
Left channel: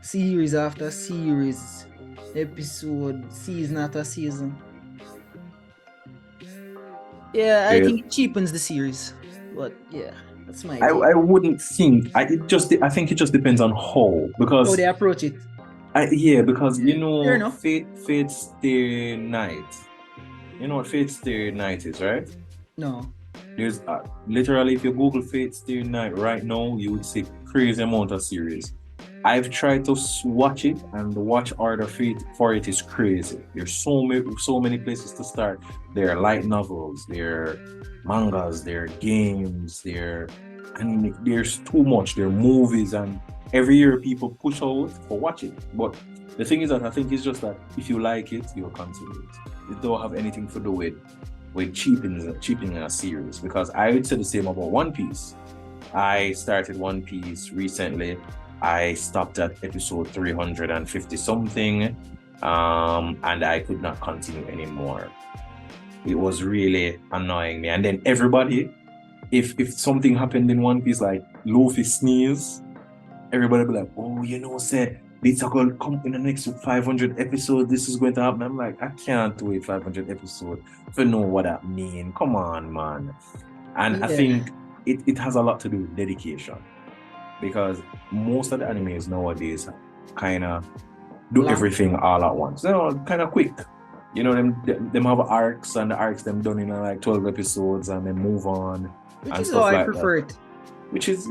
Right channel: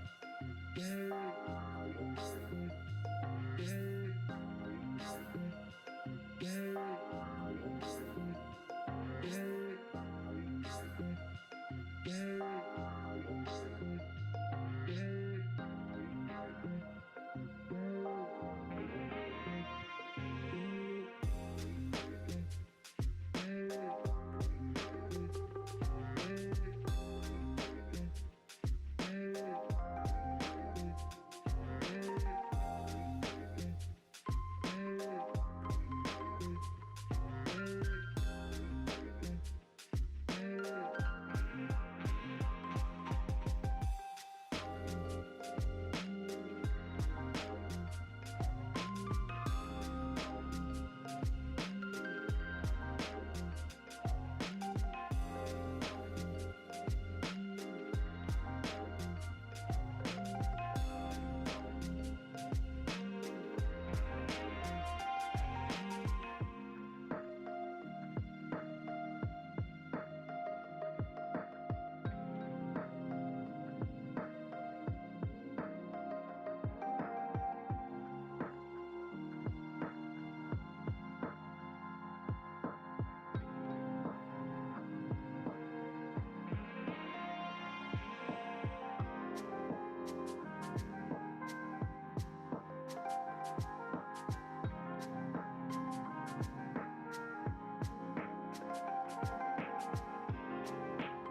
series after series, episode, season after season. Yeah, I think it cheapens the series. But yeah, that's my take. I wouldn't think. I think it just depends on how, because How they approach it. because Fair enough. Fate Stay Night. You know what Fate Stay Night is, right? No. There's literally, if you Google Fate Stay Night right now, you would see crazy amount of series. I've tried to watch it, and the watch order for it is crazy. There's so many places to start. There are light novels, there are mangas, there are games, and there's too much. There are movies, and every year people push out for watching. But the thing is that I think it's just that if you like it, you'll continue it. It don't have anything to do with cheapening a series, because I would say the same about One Piece. I started One Piece recently. I stopped at episode 350 something, and I could not continue anymore. It was really annoying me. And then everybody, if something happened in One Piece, like Luffy sneeze, everybody be like, oh, say it's going to come in the next 500 episodes. This is going to happen. I'm like, I can't wait 500 episodes to know what that means. Come on, man. And I think it has a lot to do with dedication, because most of the animes nowadays kind of do everything all at once. Kind of quick. Them have arcs, and the arcs them done in like 12 episodes, and then move on. Which is how I prefer it. Which is,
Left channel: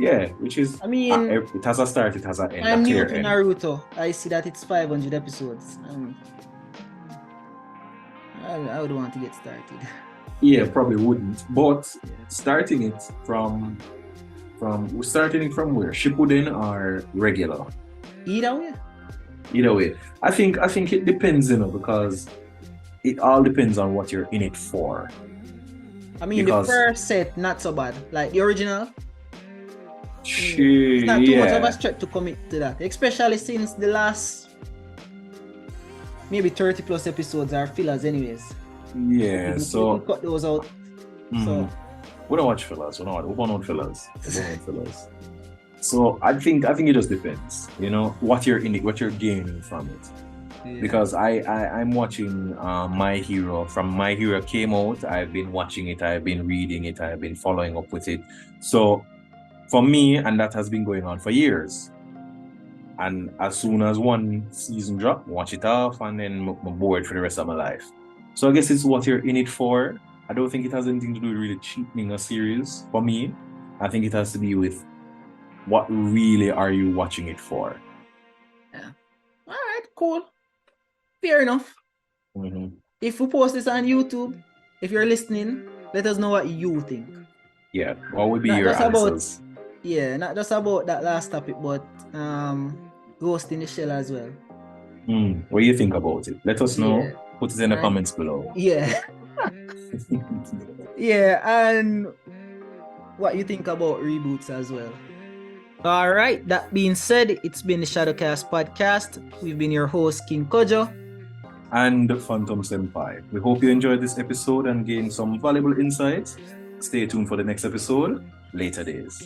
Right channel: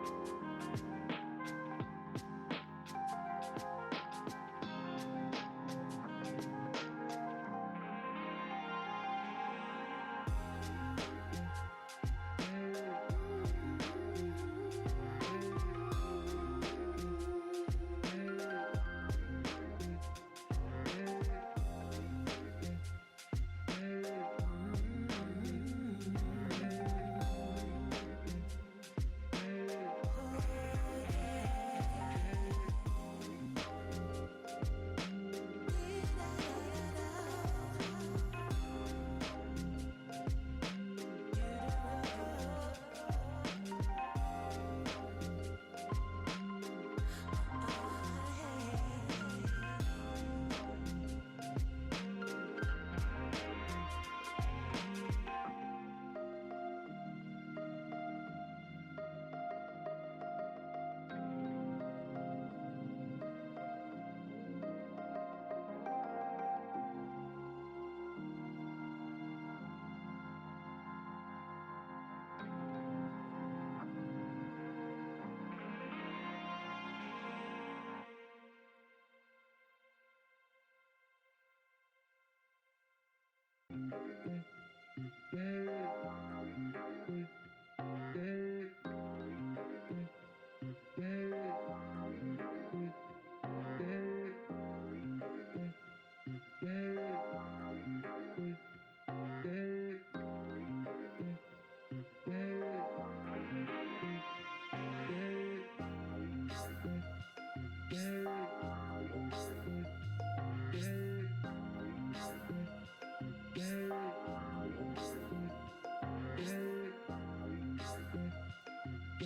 I mean, it has a start, it has an end. I'm new to Naruto. I see that it's 500 episodes. I would want to get started. Yeah, probably wouldn't. But starting it from where? Shippuden or regular? Either way. I think it depends, because it all depends on what you're in it for. I mean, the first set, not so bad. Like the original, it's not too much of a stretch to commit to that. Especially since the last maybe 30 plus episodes are fillers anyways. Yeah, so we cut those out. So we don't watch fillers. We don't want fillers. So I think it just depends. What you're in it, what you're gaining from it. Yeah. Because I'm watching My Hero. From My Hero came out, I've been watching it, I've been reading it, I've been following up with it. So for me, and that has been going on for years. And as soon as one season drop, watch it off, and then I'm bored for the rest of my life. So I guess it's what you're in it for. I don't think it has anything to do with really cheapening a series for me. I think it has to be with what really are you watching it for. Yeah. All right, cool. Fair enough. Mm-hmm. If we post this on YouTube, if you're listening, let us know what you think. Yeah, what would be your answers? Not just about that last topic, but Ghost in the Shell as well. What do you think about it? Let us know. Yeah. Put it in the comments below. Yeah. Yeah, and what you think about reboots as well. All right, that being said, it's been the Shadowcast podcast. We've been your host, King Kojo. And Phantom Senpai. We hope you enjoyed this episode and gained some valuable insights. Stay tuned for the next episode. Later days.